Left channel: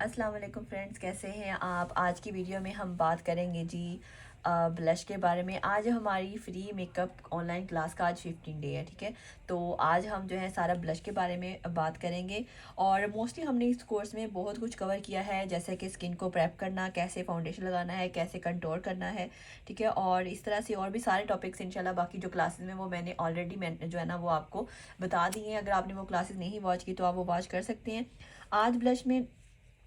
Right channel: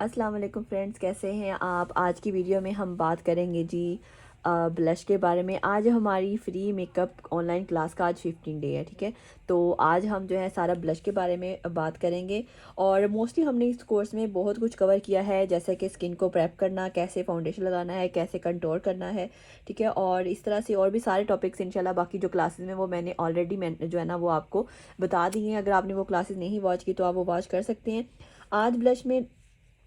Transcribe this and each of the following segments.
अस्सलाम वालेकुम फ्रेंड्स, कैसे हैं आप। आज की वीडियो में हम बात करेंगे जी ब्लश के बारे में। आज हमारी फ्री मेकअप ऑनलाइन क्लास का आज 15 डे है, ठीक है। तो आज हम जो है सारा ब्लश के बारे में बात करेंगे। और मोस्टली हमने इस कोर्स में बहुत कुछ कवर किया है, जैसे कि स्किन को प्रेप करना, कैसे फाउंडेशन लगाना है, कैसे कंटूर करना है, ठीक है। और इस तरह से और भी सारे टॉपिक्स इंशाल्लाह बाकी जो क्लासेस में वो मैंने ऑलरेडी जो है ना वो आपको बता दी हैं। अगर आपने वो क्लासेस नहीं वॉच की तो आप वो वॉच कर सकते हैं। आज ब्लश में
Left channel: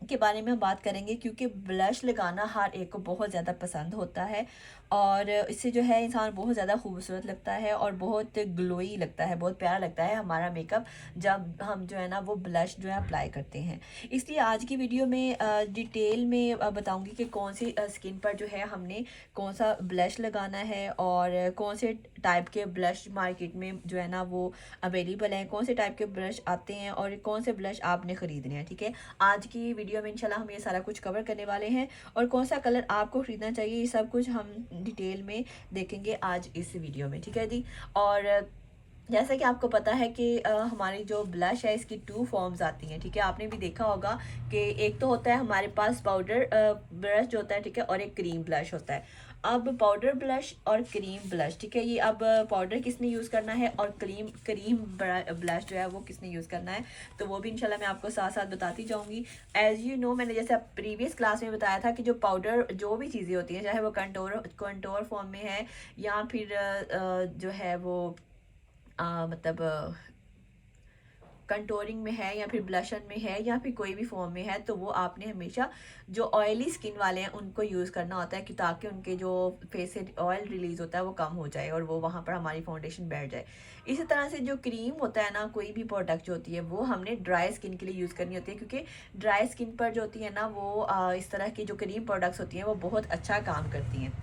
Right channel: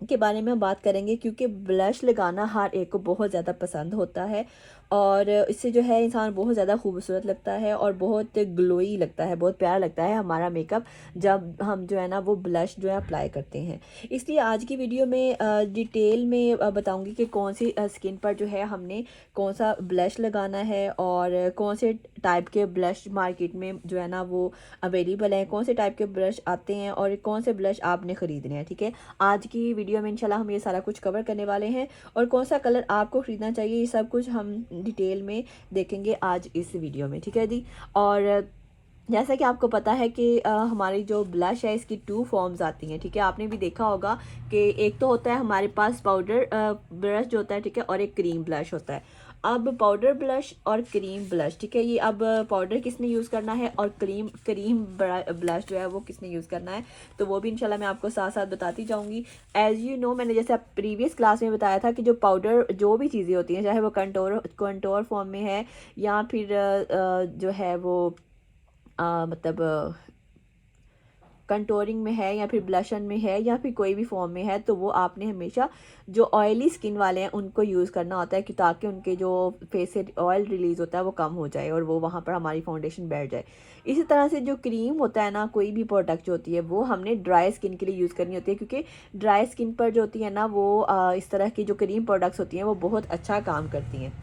के बारे में हम बात करेंगे, क्योंकि ब्लश लगाना हर एक को बहुत ज़्यादा पसंद होता है और इससे जो है इंसान बहुत ज़्यादा खूबसूरत लगता है और बहुत ग्लोई लगता है, बहुत प्यारा लगता है हमारा मेकअप जब हम जो है ना वो ब्लश जो है अप्लाई करते हैं। इसलिए आज की वीडियो में डिटेल में बताऊंगी कि कौन सी स्किन पर जो है हमने कौन सा ब्लश लगाना है और कौन से टाइप के ब्लश मार्केट में जो है ना वो अवेलेबल है, कौन से टाइप के ब्लश आते हैं और कौन से ब्लश आपने ख़रीदने हैं, ठीक है। आज की वीडियो में इंशाल्लाह हम ये सारा कुछ कवर करने वाले हैं और कौन सा कलर आपको ख़रीदना चाहिए ये सब कुछ हम डिटेल में देखेंगे आज इस वीडियो में, ठीक है जी। और जैसा कि आपको पता है कि हमारी जो ब्लश है इसकी 2 फॉर्म्स आती हैं, ठीक है। आपने भी देखा होगा कि एक तो होता है हमारे पास पाउडर ब्लश जो होता है, ठीक है, और एक क्रीम ब्लश होता है। अब पाउडर ब्लश और क्रीम ब्लश, ठीक है, ये अब पाउडर किसने यूज़ करना है और क्रीम क्रीम ब्लश जो है वो किसने यूज़ करना है, तो वो भी इंशाल्लाह मैं आपको साथ साथ बताती जाऊंगी। एज़ यू नो, मैंने जैसे प्रीवियस क्लास में बताया था कि जो पाउडर जो भी चीज़ें होती हैं, चाहे वो कंटोर फॉर्म में है या फिर जो है वो मतलब कंटोरिंग में है या फिर ब्लशन में है या फिर कोई भी फॉर्म में है, तो वो आपने हमेशा जो ऑयली स्किन वाले हैं उनको यूज़ करना होता है कि ताकि उनके जो फेस से ऑयल रिलीज़ होता है वो कम हो जाए और वो वहाँ पर हमारी फाउंडेशन बैठ जाए। इसी तरह से जो क्रीम होता है ना, कोई भी प्रोडक्ट जो होती है वो हमने ड्राई स्किन के लिए यूज़ करनी होती है, क्योंकि ड्राई स्किन पर जो होती है ना वो इस तरह की जो क्रीम प्रोडक्ट्स होती हैं वो बहुत अच्छा काम करती हैं।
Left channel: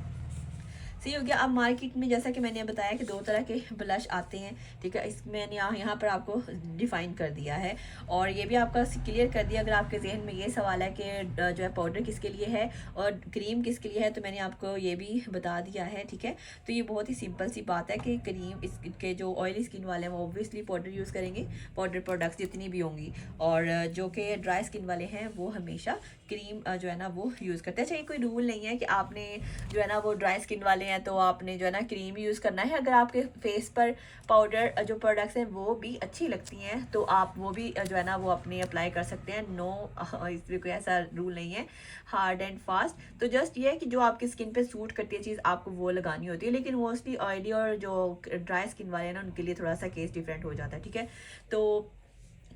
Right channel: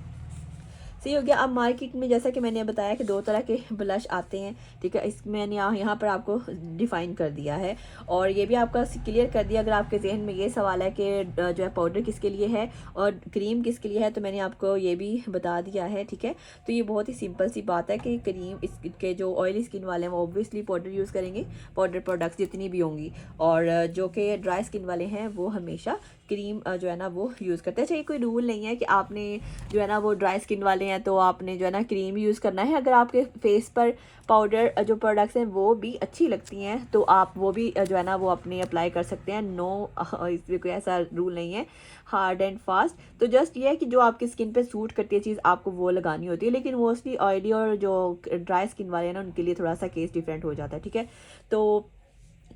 सही हो गया। अब मार्केट में जैसा कि मैंने बताया कि 2 तरह के ब्लश आते हैं, ठीक है। इस मैंने यहाँ पर आपको डिफ़ाइन कर दिया है और ये भी आपका क्लियर कर दिया। अगर आपके जहन में ये सवाल है कि जो है पाउडर किसके लिए है और क्रीम किसके लिए है, तो मैंने आपको ये भी बता दिया है, ठीक है। तो ये बहुत ही सिंपल सी बात है कि क्रीम इसके जो ऑयली स्किन वाले हैं वो ऑब्वियसली पाउडर यूज़ करेंगे, पाउडर प्रोडक्ट्स जितनी भी होंगी, और जो कि ड्राई स्किन वाले हैं वो हमेशा क्रीम जो है ना वो यूज़ करते हैं। अच्छा, ये कोई रूल नहीं है कि आपने जो है ना वो ड्राई स्किन वाले हैं तो आपने जो है ना क्रीम यूज़ करना है। अगर आपके फेस पर पाउडर जो प्रोडक्ट्स हैं वो भी अच्छी लगती हैं तो आप वो भी जो है ना वो अपने अप्लाई कर सकते हैं। नो, इसमें कोई ऐसा रूल नहीं है हार्ड एंड फास्ट। तो जस्ट ये है कि जो आपकी स्किन पे सूट करती है चीज़ आपको वो लगानी होती है, लेकिन मोस्टली ऑयली और जो ड्राई स्किन वाले हैं ना उनके लिए थोड़ा सा केस डिफरेंट हो जाता है, ठीक है। तो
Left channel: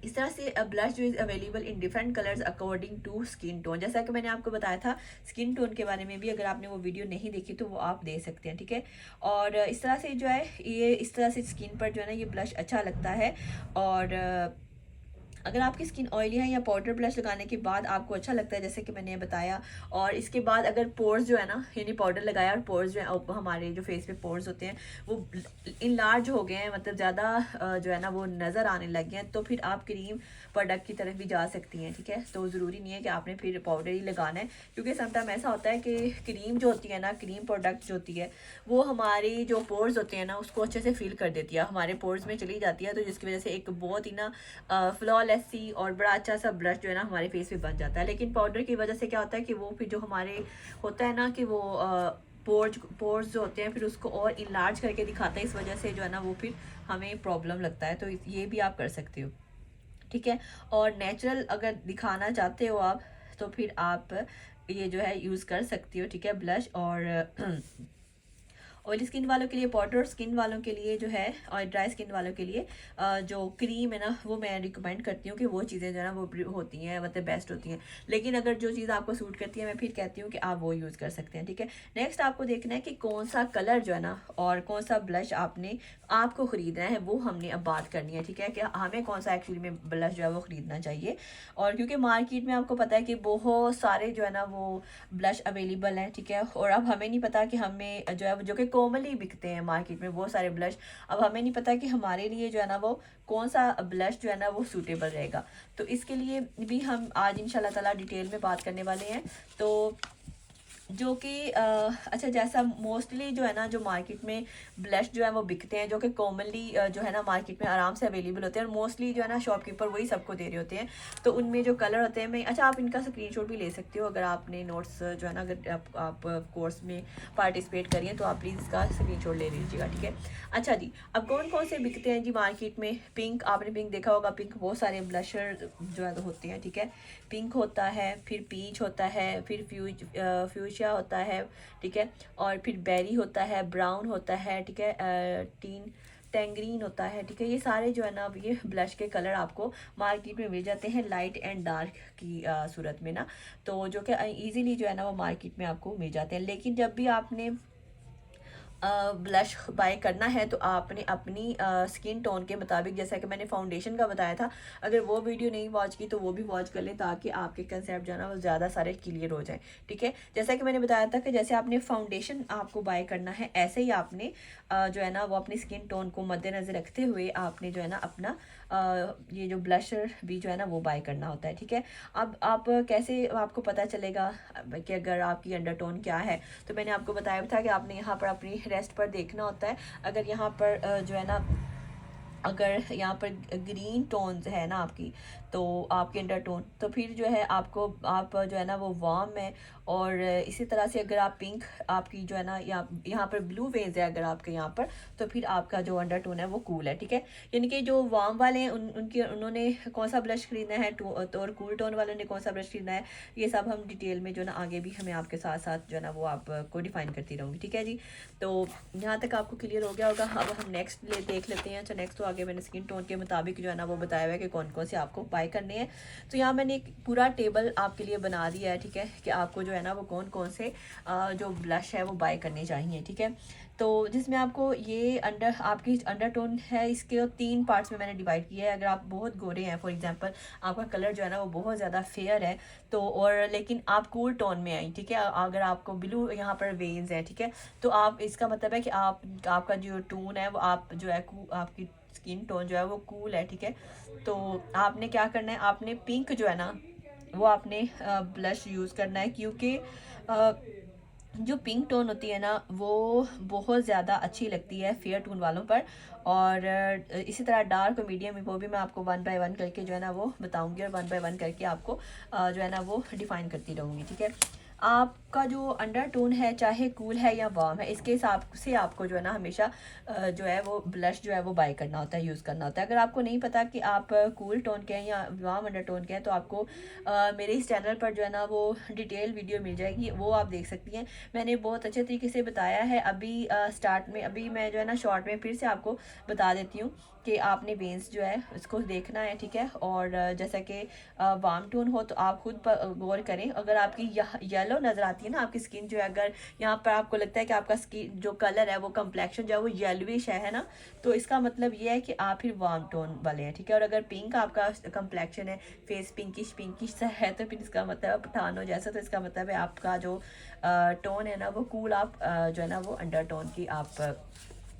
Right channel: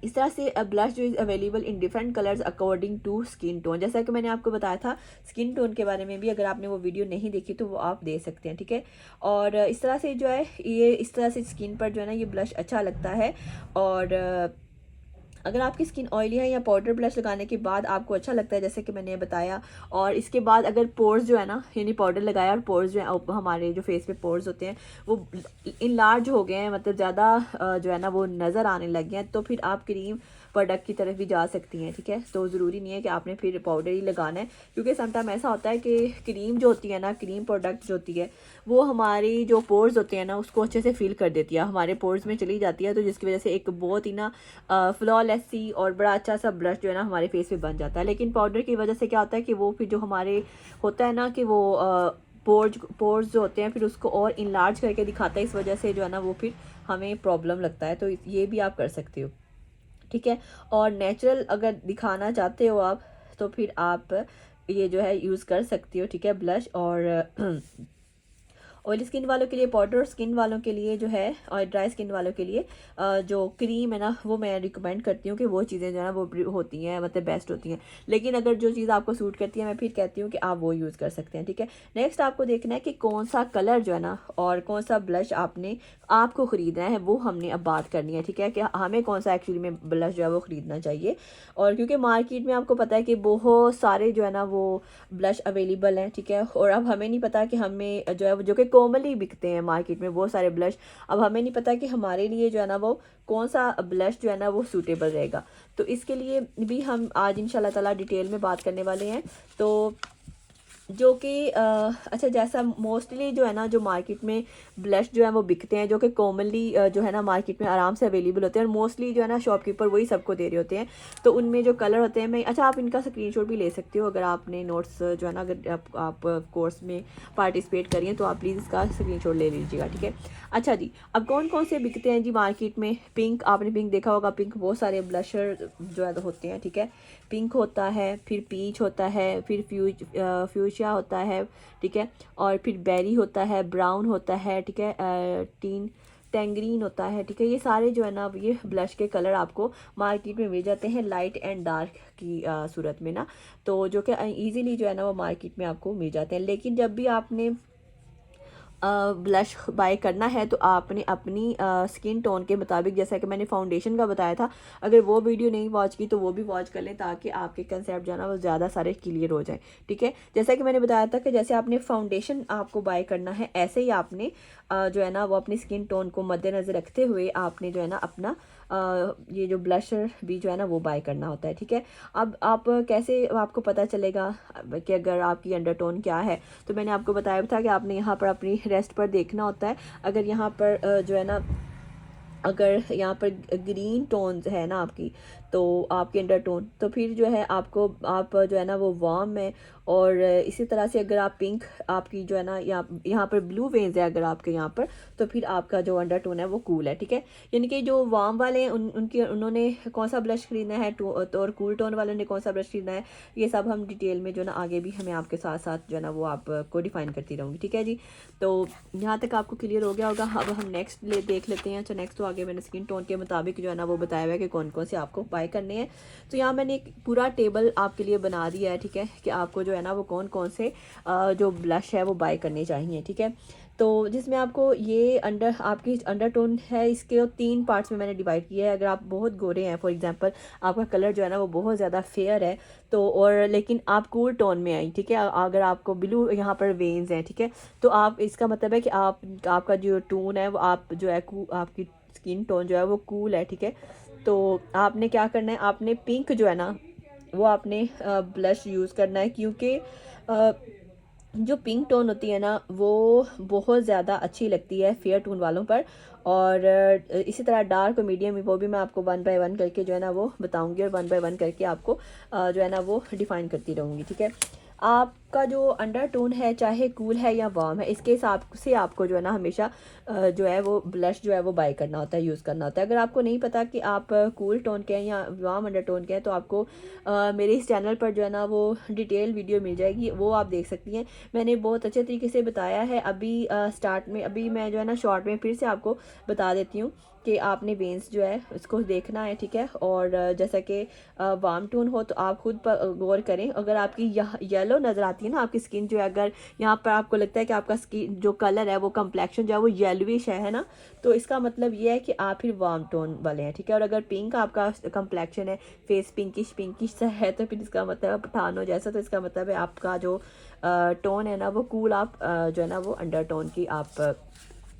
इस तरह से ब्लश जो is available in different colours according to skin tone. जैसा कि मैंने आपको बताया था स्किन टोन के बारे में भी, अगर आपने वो वीडियो नहीं देखी तो वो आप देख सकते हैं, ठीक है। और इस तरह से जो है ये इस तरह से स्किन पर जो है ना ये ब्लश अच्छा लगता है। और अगर आपकी स्किन ऑयली है या पाउडर ब्लश लगाने के बाद आपको अच्छा लगता है जैसे कि मैंने बताया, और इसके बाद अगर पोर्स जो है ना, यानी पाउडर लगाया और पोर्स जो है हमारे जो फेस पे पोर्स होते हैं वो इनलार्ज हो गए हैं, मतलब ज़्यादा जो है ना वो नज़र आने लग गए हैं, तो फिर आप क्रीम प्रोडक्ट की तरफ भी जा सकती हैं, ठीक है। तो ज़रूरी नहीं है कि आपने फिर पाउडर ही लगाना है, क्योंकि समटाइम ऐसा होता है कि क्रीम जो होती है ना, क्रीम प्रोडक्ट जो होती है वो हमारी जो पोर्स होते हैं ना उसको अच्छे से फिल कर देती है, हमारे पोर्स में चली जाती है, तो जिसकी वजह से एक बहुत ही ना फ्लॉलेस सी और बड़ा अच्छा सा ब्लश जो है ना हमारे फेस पे बन जाता है। लेकिन पाउडर की वजह से क्या होता है कि वो फिर जो हमारे होता है ना कि वो पोर्स जो होते हैं फिर उसको और इनलार्ज करके दिखाता है, इस वजह से जो है ना वो फिर हमें प्रॉब्लम लगता है। तो ये भी आप कर सकते हो, ठीक है। और नेचुरल अगर दिखाना चाहते हो आप तो फिर आप ये जो है यूज़ कर सकती हो, ठीक है, ब्लश। और ऑयली स्किन वालों के लिए पाउडर, और स्किन वालों के लिए जो है और ड्राई स्किन वालों के लिए जो क्रीम है ना वो मैं रिकमेंड करती हूँ कि वो चीज़ें जो है ना वो होती हैं, मतलब बेस्ट होती हैं। लेकिन अगर जो चीज़ आपको सूट करती है मैं फिर कहती हूँ कि आप वो यूज़ कर सकते हैं, ठीक है। नेक्स्ट आपको देखना है कि कौन सा कलर जो है ना और कौन सा ब्लश आपको ख़रीदना है, वो हमने अब बात करनी है, ठीक है, कि हमें कौन सा एक्चुअली में ब्लश जो है वो ख़रीदना चाहिए। और क्योंकि मार्केट में आपको पता है कि बहुत सारे जो है ना वो ब्लश अवेलेबल हैं, ठीक है। और अब हमें नहीं पता कि हमें जो है जो कि कॉमनली बिकते हैं मार्केट में बहुत सारे ब्लश, अब हमें नहीं पता कि हमारे लिए जो है ना वो कौन सा ब्लश जो है ना वो सूटेबल रहेगा। तो इसके लिए भी हम आज इंशाल्लाह ताला डिटेल में बात करने वाले हैं। तो जो कि अच्छा, जैसा मोस्टली जो है ना, जो मार्केट में ब्लश जो है वो बिकते हैं, जो कि कॉमनली जो है ना मार्केट में आराम से अवेलेबल होते हैं, और मोस्टली जो है ना शॉपकीपर वही सबको दे रहे होते हैं। तो उनमें जो कलर होते हैं, मैं अच्छा आप इनका स्क्रीनशॉट भी ले सकते हो अगर आपने नोट्स जो है ना, अगर आप कोर्स में पार्टिसिपेट करिए तो आप प्लीज़ इसका स्क्रीनशॉट ले लीजिएगा, ठीक है। अच्छा जी, अब कौन कौन से बिकते हैं जी मार्केट में? पिंक, आपने पिंक देखा होगा, पिंक बहुत सारे ब्लशर जो है होते हैं, ठीक है। पिंक होता है, फिर पीच होता है, फिर फ्यूशिया होता है, ठीक है, और फिर बेरी होता है, ब्राउन होता है, ठीक है, टीन टेंग्रीन होता है, ठीक है। ये सारे जो है ना, ये ब्लश के कलर आपको मार्केट में मिल जाते हैं लाइट एंड डार्क की सूरत में ना, तो जो कि ईजीली जो है ना वो मार्केट में आपको मिल जाते हैं। लेकिन जब भी आपने ब्लश बाय करना है तो आपने अपनी स्किन टोन के मुताबिक, जैसा कि मैंने फाउंडेशन का बताया था, अगर वो वीडियो नहीं वॉच की तो वो भी वॉच कर लें, ताकि आपके कंसेप्ट जो है ना वो ज़्यादा सारे क्लियर हो जाए, ठीक है। जैसा कि मैंने बताया था कि जैसे आपने फाउंडेशन आपको बाय करना है, ऐसे ही आपने जो है ना वो अपनी स्किन टोन को मद्देनज़र रखते हुए आपने जो है ना अपना ये जो ब्लशर भी जो है ना वो बाय करना होता है, ठीक है। अब आप कैसे, आपको पता चलेगा कि अगर आपकी अंडरटोन क्या है, तो मैंने आपको बताया था कि आपने यहाँ पर अपनी रेस्ट पर देखना होता है। अगर यहाँ पर जो है ना, अगर यहाँ पर ग्रीन टोन्स है ना आपकी, तो आपकी अंडरटोन, तो फिर जो है आपको, आप जो है ना वो वार्म है। और इसी तरह से अगर आप पिंक आपकी जो है ना, यहाँ पर ब्लू वेन्स है अगर आपके यहाँ पर, तो फिर आपका जो अंडरटोन है वो कूल है, ठीक है। यानी कि जो वार्म वाले हैं उन्होंने कौन सा ब्लश खरीदना है, तो और कूल टोन वालों ने कौन सा ब्लश खरीदना है, ये सब हम डिटेल में जो ना आगे भी हमें आपके साथ साथ जो है ना वो आपको डिफाइन करती रहूँगी, ठीक है जी। तो यहाँ तक आपको क्लियर हो गया होगा। अब हम नेक्स्ट देख लेते हैं। तो नेक्स्ट तो आगे मैंने स्किन टोन के मुताबिक जो है ना वो बताया हुआ है कि कौन कौन से आपको बाय करने हैं। तो यहाँ मैंने एक पूरा टेबल आपके लिए बना दिया है, ठीक है, कि आपको जो है ना वो कौन कौन से जो ब्लश है वो बाय करने चाहिए, ठीक है। तो जिसमें आपको ये आपकी अंडरटोन है, इसके 3 पार्ट्स में मैंने डिवाइड किया है। अगर आप बहुत गोरे हैं, फॉर एग्जांपल आपका कलर जो है ना वो बहुत ज़्यादा फेयर है, तो और लेकिन आप कूल टोन में आई, ठीक है, अगर आपको ब्लू यहाँ पर वेन्स हैं, ठीक है, तो आप, इसका मतलब है कि आपका जो टोन है वो आप जो है आपकी स्किन टोन जो है वो कूल है, ठीक है। तो आपने क्या करना है, आपने पिंक जो है ना वो आपने ब्लश यूज़ करना है, क्योंकि जो पिंक टोन होती है ना वो बहुत ज़्यादा अच्छी लगती है फेयर टोन वालों पर। और इसी तरह डार्क और मीडियम, वो भी मैं आपको 1 बाय 1 करके जो है ना वो बताऊंगी, और 1 बाय 1 करके आपको जो है ना वो डिफाइन करती रहूँगी, ठीक है। आपका जो अंडरटोन है, चाहे कूल है या वार्म है, इसके हिसाब से आपको जो है ना हमेशा जो है वो ब्लश जो है वो बाय करना होता है, यूज़ करना होता है। अगर आपको नहीं पता कि आप कूल टोन के हैं या वार्म अंडरटोन के हैं, तो आपको मेरे इस चैनल पर जो है ना वो डिटेल वीडियो मिल जाएगी, वो आप देख सकती हैं। मैंने बहुत अच्छे तरीके से बताया है। अभी स्टार्ट में, अभी मैं जो है ना शॉर्ट में फिर से आपको बता देती हूँ कि आपने वेन्स जो है उसको देखना है, ठीक है। और जैसा कि वार्म टोन हो तो आप खुद पर गौर करें। अगर आपकी येलो नज़र आती है ना आपकी स्किन जो है, अगर यहाँ पर आपको लगता है कि आपका स्किन जो कलर है वो कम्प्लेक्शन जो है वो येलोविश है ना, तो इसका मतलब ये है कि आप फिर वार्म टोन वाले हैं, ठीक है। और अगर पिंक आपका कम्प्लेक्शन है, फेस पिंकिश पिंकिश सा है, तो फिर इसका मतलब पठानों जैसा, तो इसका मतलब है आपका जो टोन है ना वो कूल, आप जो है ना वो अंडर टोन की आप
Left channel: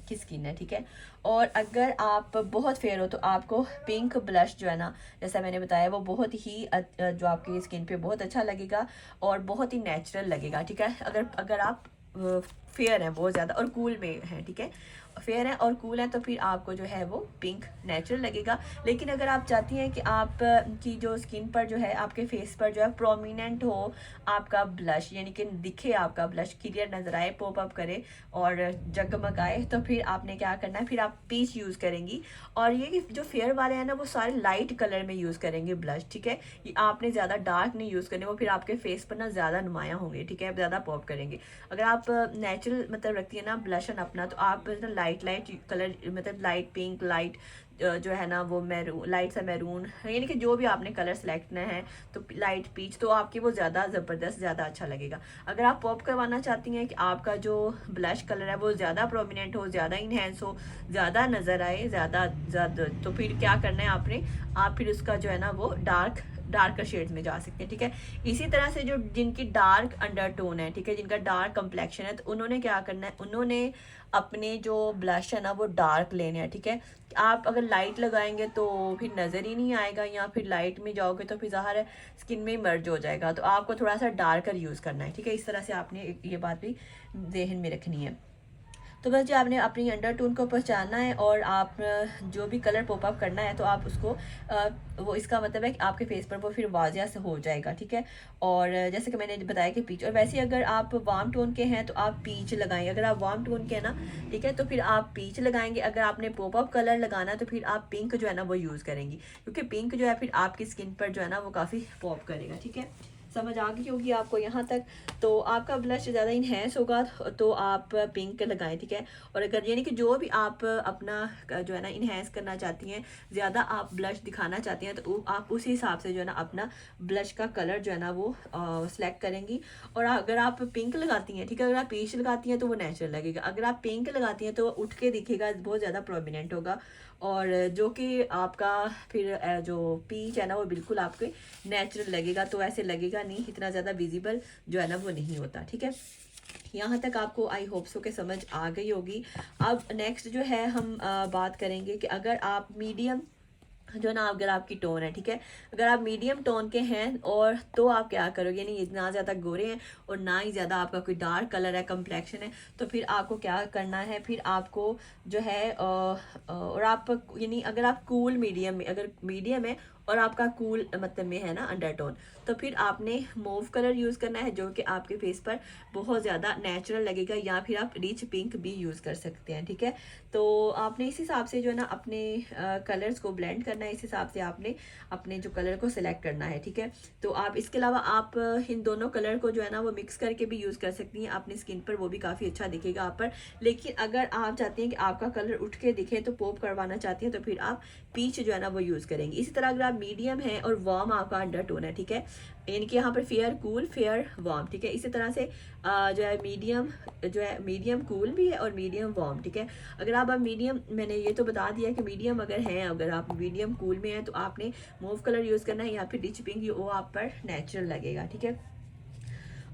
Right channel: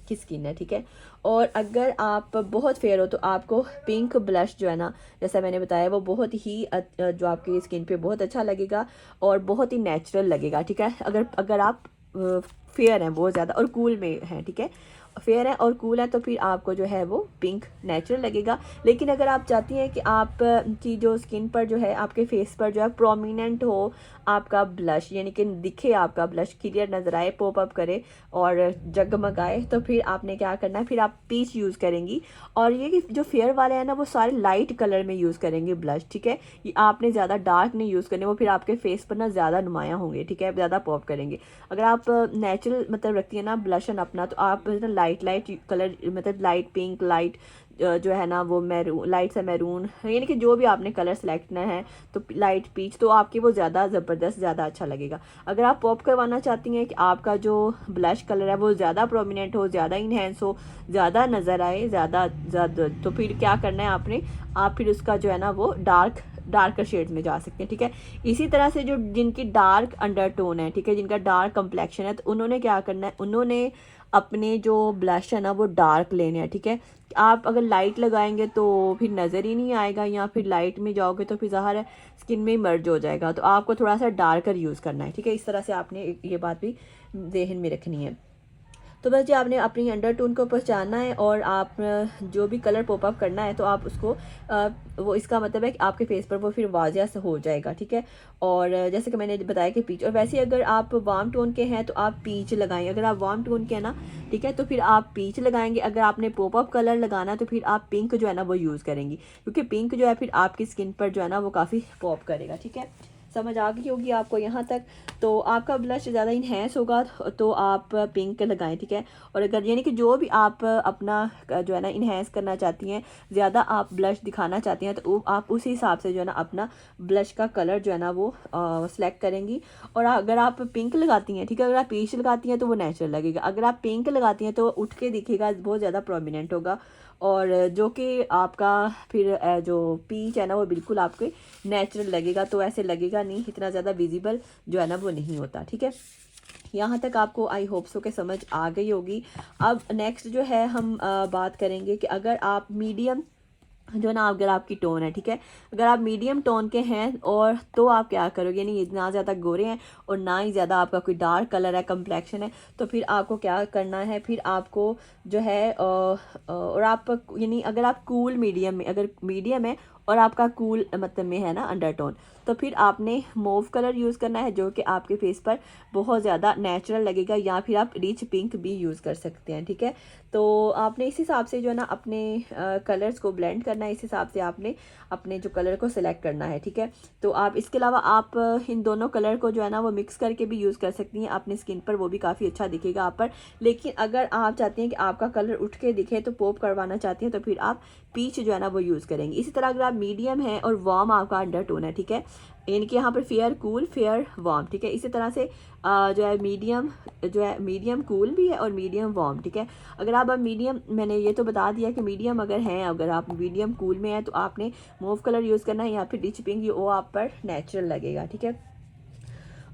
की स्किन है, ठीक है। और अगर आप बहुत फेयर हो तो आपको पिंक ब्लश जो है ना, जैसा मैंने बताया, वो बहुत ही जो आपकी स्किन पे बहुत अच्छा लगेगा और बहुत ही नेचुरल लगेगा, ठीक है। अगर अगर आप फेयर हैं बहुत ज़्यादा और कूल में है, ठीक है, फेयर है और कूल है, तो फिर आपको जो है वो पिंक नेचुरल लगेगा। लेकिन अगर आप चाहती हैं कि आप की जो स्किन पर जो है, आपके फेस पर जो है प्रोमिनेंट हो आपका ब्लश, यानी कि दिखे आपका ब्लश, क्लियर नज़र आए, पॉप अप करे और जगमगाए, तो फिर आपने क्या करना है, फिर आप पीच यूज़ करेंगी। और ये कि जो फेयर वाले हैं ना वो सारे लाइट कलर में यूज़ करेंगे ब्लश, ठीक है। ये आपने ज़्यादा डार्क नहीं यूज़ करने, वो फिर आपके फेस पर ना ज़्यादा नुमायाँ होंगे, ठीक है, ज़्यादा पॉप करेंगे। अगर आप नेचुरल मतलब रखती है ना ब्लशन अपना, तो आप लाइट लाइट कलर, मतलब लाइट पिंक, लाइट जो है ना वो मैरून, लाइट सा मैरून, यानी कि जो भी आपने कलर सेलेक्ट करना है, तो लाइट पीच, तो आपके वो ज़्यादा ज़बरदस्त, ज़्यादा अच्छा लगेगा। अगर आप पॉप करवाना चाहती हैं कि आपका जो ब्लश कलर है वो ज़्यादा प्रोमिनेंट हो, ज़्यादा इन्हेंस हो, ज़्यादा नज़र आए, ज़्यादा ज़्यादा, तो फिर क्या करना है आपने, आप फिर उसका जो है ना वो डार्क डार्कर शेड्स में जा सकते हैं, ठीक है। इसी तरह से जो जिनकी डार्क अंडरटोन है, ठीक है, जिनका डार्क कम्प्लेक्शन है, तो उन्होंने क्या करना है, उन्होंने अपने जो ब्लश है ना वो डार्क लेने हैं, ठीक है। आप अगर लाइट लगाएंगे तो फिर नज़र ही नहीं आएगा, या फिर लाइट में जाओगे तो फिर ज़ाहिर है स्किन में मर्ज हो जाएगा, तो आपको थोड़ा सा डार्कर यूज़ करना है, ठीक है। इस तरह से आपने ये बात भी जहन में रखनी है। तो बस जी आपने अपनी अंडरटोन को पहचानना है, और आप जो भी कलर पॉपअप करना है तो आप उसको वो इसका मतलब है कि आपके फेस पर वो फिर वाजिया से हो जाएगा, ठीक है। और जैसे कि मैंने बताया कि पीच, और वैसे अगर आप वार्म टोन के हैं तो आप पीच लगाएं, अगर आप वार्म टोन के हैं ना, ठीक है, तो फिर आप पीच लगाएंगे। अगर आपने पॉपअप कलर लगाना तो फिर आप पिंक जो है ना वो यूज़ करेंगी, क्योंकि पिंक जो है फिर आपकी स्किन पर जो है ना वो काफ़ी पॉप करेगा, ठीक है। समझ आ गई होगी आपको यहाँ तक। तो आपका ब्लश ज़्यादा इन्हेंस होगा तो आप पिंक लगाएं, ठीक है। और अगर यानी कि जो भी आप अपना जो है ना इन्हेंस करना चाहती हैं, ज़्यादा आप ब्लश दिखाना चाहती हैं, तो आप उसी हिसाब से जो है ना अपना ब्लश का कलर जो है ना वो सिलेक्ट करेंगी। और अगर आप पिंक लगाती हैं, ठीक है, अगर आप पीच लगाती हैं तो वो नेचुरल लगेगा, अगर आप पिंक लगाती हैं तो उठ के दिखेगा, बहुत ज़्यादा प्रोमिनेंट होगा, और जो कि आपका फिर जो पीच है ना वो बिल्कुल आपके नेचुरल लगेगा, तो ऐसे लगेगा नहीं, इतना ज़्यादा विजिबल जो है ना वो नहीं होता, ठीक है। यहाँ तक आपको आई होप सो के समझ आ गई होगी। अब नेक्स्ट जो है हम बात करेंगे कि अगर आप मीडियम जो ना, अगर आपकी टोन है, ठीक है, अगर आप मीडियम टोन के हैं और तो आप क्या करोगे, यानी ना ज़्यादा गोरे हैं और ना ही ज़्यादा आपका कोई डार्क कलर है, कम्प्लेक्शन है, तो फिर आपको क्या करना है, फिर आपको जो है और आप यानी अगर आप कूल मीडियम में, अगर मीडियम है और आपका कूल मतलब में है ना अंडरटोन, तो फिर आपने मोव कलर यूज़ करना है, जो कि आपके फेस पर बहुत ज़्यादा नेचुरल लगेगा, या फिर आप रिच पिंक भी यूज़ कर सकते हैं, ठीक है। तो आपने इस हिसाब से जो है ना अपने कलर्स को ब्लेंड करना है, इस हिसाब से आपने अपने जो कलर को सिलेक्ट करना है, ठीक है। तो आप इसके अलावा आप इन दोनों कलर को जो है ना वो मिक्स करके भी यूज़ कर सकती हैं अपनी स्किन पर, वो भी काफ़ी अच्छा दिखेगा आप पर। लेकिन अगर आप चाहती हैं कि आपका कलर उठ के दिखे, तो पॉप करवाना चाहती हैं, तो फिर आप पीच जो है ना वो यूज़ करेंगे। इसी तरह अगर आप मीडियम है और वार्म आपका अंडरटोन है, ठीक है, यानी कि यहाँ पर फेयर कूल फेयर वार्म, ठीक है, इसी तरह से जो है मीडियम, जो है मीडियम कूल भी है और मीडियम वार्म, ठीक है। अगर आप मीडियम, मैंने ये तो बता दिया कि मीडियम अगर हैं, अगर आप मीडियम कूल में है तो आपने मूव कलर यूज़ करना है, या फिर रिच पिंक, वो आप पर नेचुरल लगेगा, ठीक है।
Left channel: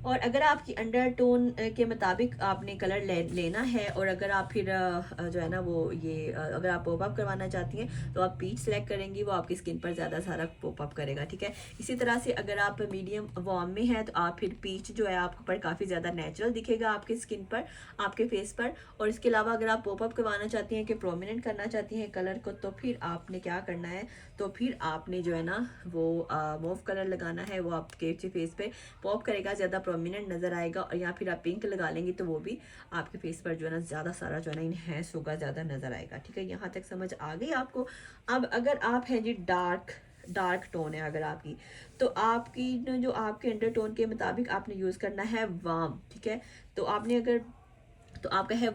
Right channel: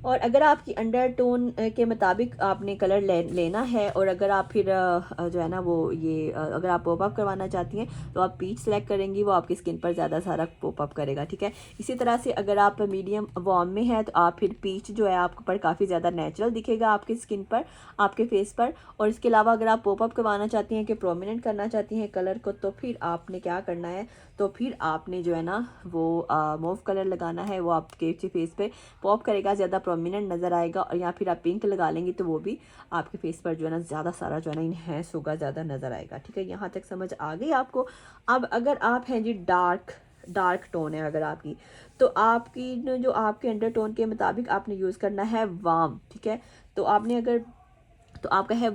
और अगर आपकी अंडरटोन के मुताबिक आपने कलर लेना है, और अगर आप फिर जो है ना वो ये अगर आप पॉपअप करवाना चाहती हैं तो आप पीच सेलेक्ट करेंगी, वो आपकी स्किन पर ज़्यादा सारा पॉपअप करेगा, ठीक है। इसी तरह से अगर आप मीडियम वार्म में है तो आप फिर पीच जो है आपके पर काफ़ी ज़्यादा नेचुरल दिखेगा आपकी स्किन पर, आपके फेस पर। और इसके अलावा अगर आप पॉपअप करवाना चाहती हैं कि प्रोमिनेंट करना चाहती हैं कलर को, तो फिर आपने क्या करना है, तो फिर आपने जो है ना वो मूव कलर लगाना है, वो आपके फेस पे पॉप करेगा, ज़्यादा प्रोमिनेंट नज़र आएगा। और या फिर आप पिंक लगा लेंगे तो वो भी आपके फेस पर जो है ना ज़्यादा सारा जो है ना इनहेंस होगा, ज़्यादा नज़र आएगा, ठीक है। यहाँ तक समझ आ गई आपको। अब अगर आप हैं जी डार्क टोन है अगर आपकी, तो आपकी जो आपके अंडर टोन के मुताबिक आपने यूज़ करना है वार्म, ठीक है। तो आपने अगर, तो आपका है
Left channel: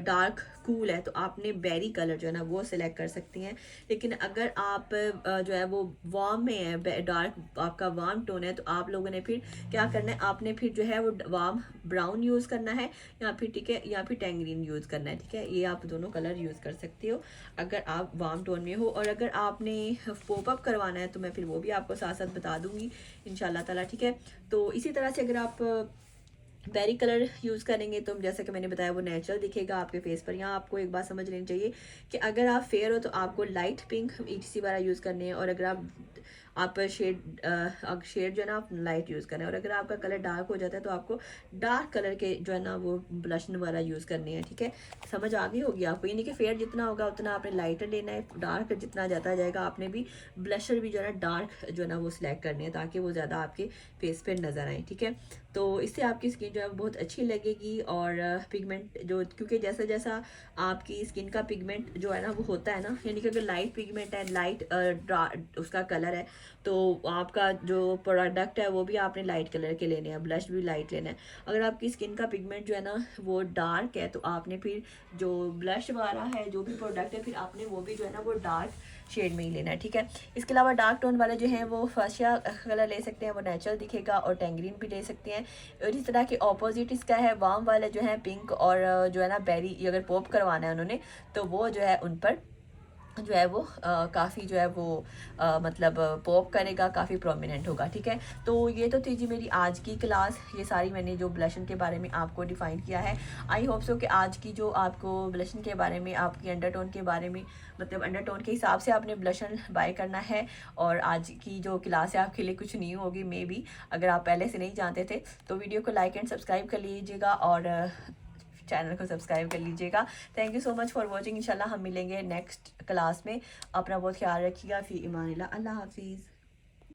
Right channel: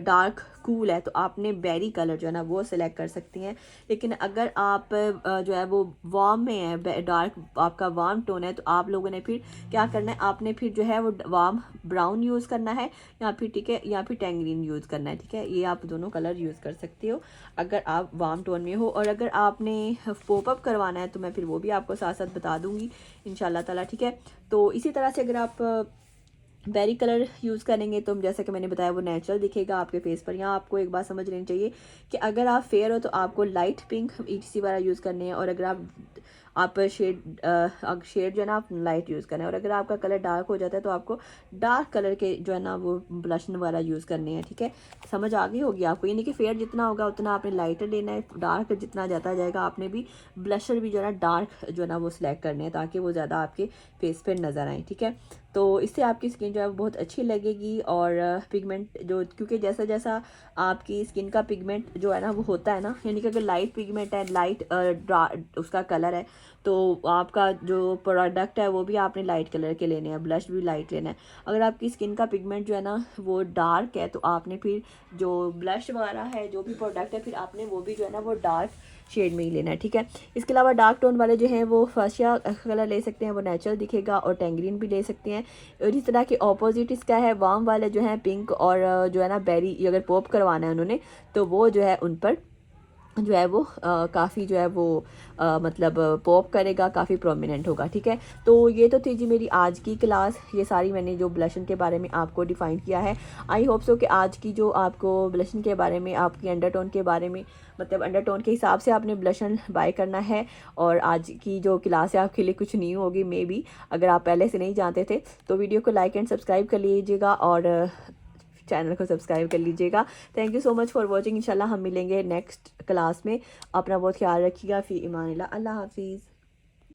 डार्क कूल है, तो आपने बेरी कलर जो है ना वो सिलेक्ट कर सकती हैं। लेकिन अगर आप जो है वो वार्म में है, डार्क आपका वार्म टोन है, तो आप लोगों ने फिर क्या करना है, आपने फिर जो है वो वार्म ब्राउन यूज़ करना है, या फिर ठीक है, या फिर टैंगरीन यूज़ करना है, ठीक है। ये आप दोनों कलर यूज़ कर सकते हो अगर आप वार्म टोन में हो। और अगर आपने पॉपअप करवाना है तो मैं फिर वो भी आपको साथ साथ बता दूंगी इंशाल्लाह ताला, ठीक है। तो इसी तरह से अगर आप बेरी कलर यूज़ करेंगे तो जैसा कि मैंने बताया वो नेचुरल दिखेगा आपके फेस पर। यहाँ आपको एक बात समझ लेनी चाहिए कि अगर आप फेयर हो तो आपको लाइट पिंक ETC वाला यूज़ करने हैं, और अगर आप शेड जो है ना आप लाइट यूज़ करना है, और अगर आपका कलर डार्क हो जाता है तो आपको डार्क कलर के जो है ना वो ब्लशन वाला यूज़ करने हैं, ठीक है। समझ आ गई होगी आपको, यानी कि फेयर जितना होगा उतना आपने लाइटर लेना है, डार्क जितना जाता जाएगा आपने भी ब्लशर भी जो है ना डार्क जो है ना वो सिलेक्ट करने हैं, ताकि वो ज़्यादा आपके फेस पर नज़र आए, ठीक है। तो इससे आपकी स्किन जो है बहुत अच्छी लगेगी। और पिगमेंट जो, क्योंकि जैसा जैसा आपकी स्किन का पिगमेंट जो है ना वो होता है ना, यानी कि अगर लाइट पिगमेंट है, लाइट उसका कलर है, तो आपका जो प्रोडक्ट है वो भी आपने लाइट कलर के लेने हैं, ब्लश भी लाइट लेना है। अगर आपकी स्किन का पिगमेंट जो है ना वो डार्क है, तो आपने फिर जो ब्लश वाला है, जो भी प्रोडक्ट है, फिर आपने वो भी जो है ना वो डार्क शेड में ही लेना है, ठीक है। इसके अलावा डार्क टोन वाले जो हैं वो फशिया कलर ले सकते हैं, वो नेचुरल दिखेगा, और टैंगरीन भी ले सकते हैं। और इस तरह के ऑपोजिट इसका है, वार्म वाले जो हैं पिंक और जो है ना बेरी, अगर पॉप करवाना है उन्होंने तो वो जो है उन पर जो है वो काफ़ी जो है वो मतलब पॉप करेगा, काफ़ी प्रोमिनेंट होगा, ठीक है। तो ये तो थी जी मेरी आज की क्लास, ये सारी मैंने जो ब्लशन के बारे में आपको डिफ़ाइन किया है। आई होप सो कि आज की जो आपको ब्लशन के बारे में, आपकी अंडरटोन के बारे में, मतलब अंडरटोन के हिसाब से आपने ब्लशन बाय करना है। और आज की जो क्लास है आपके लिए कुछ न्यू होगी मे बी, अगर आप पहले से नहीं जानते थे तो वीडियो को लाइक एंड सब्सक्राइब कर लीजिएगा और चैनल को सब्सक्राइब कर लीजिएगा। Thank you so much for watching. इंशाल्लाह हम मिलेंगे नेक्स्ट क्लास में। अपना बहुत ख्याल रखिएगा। फ़ी इमानिल्लाह। अल्लाह हाफिज़।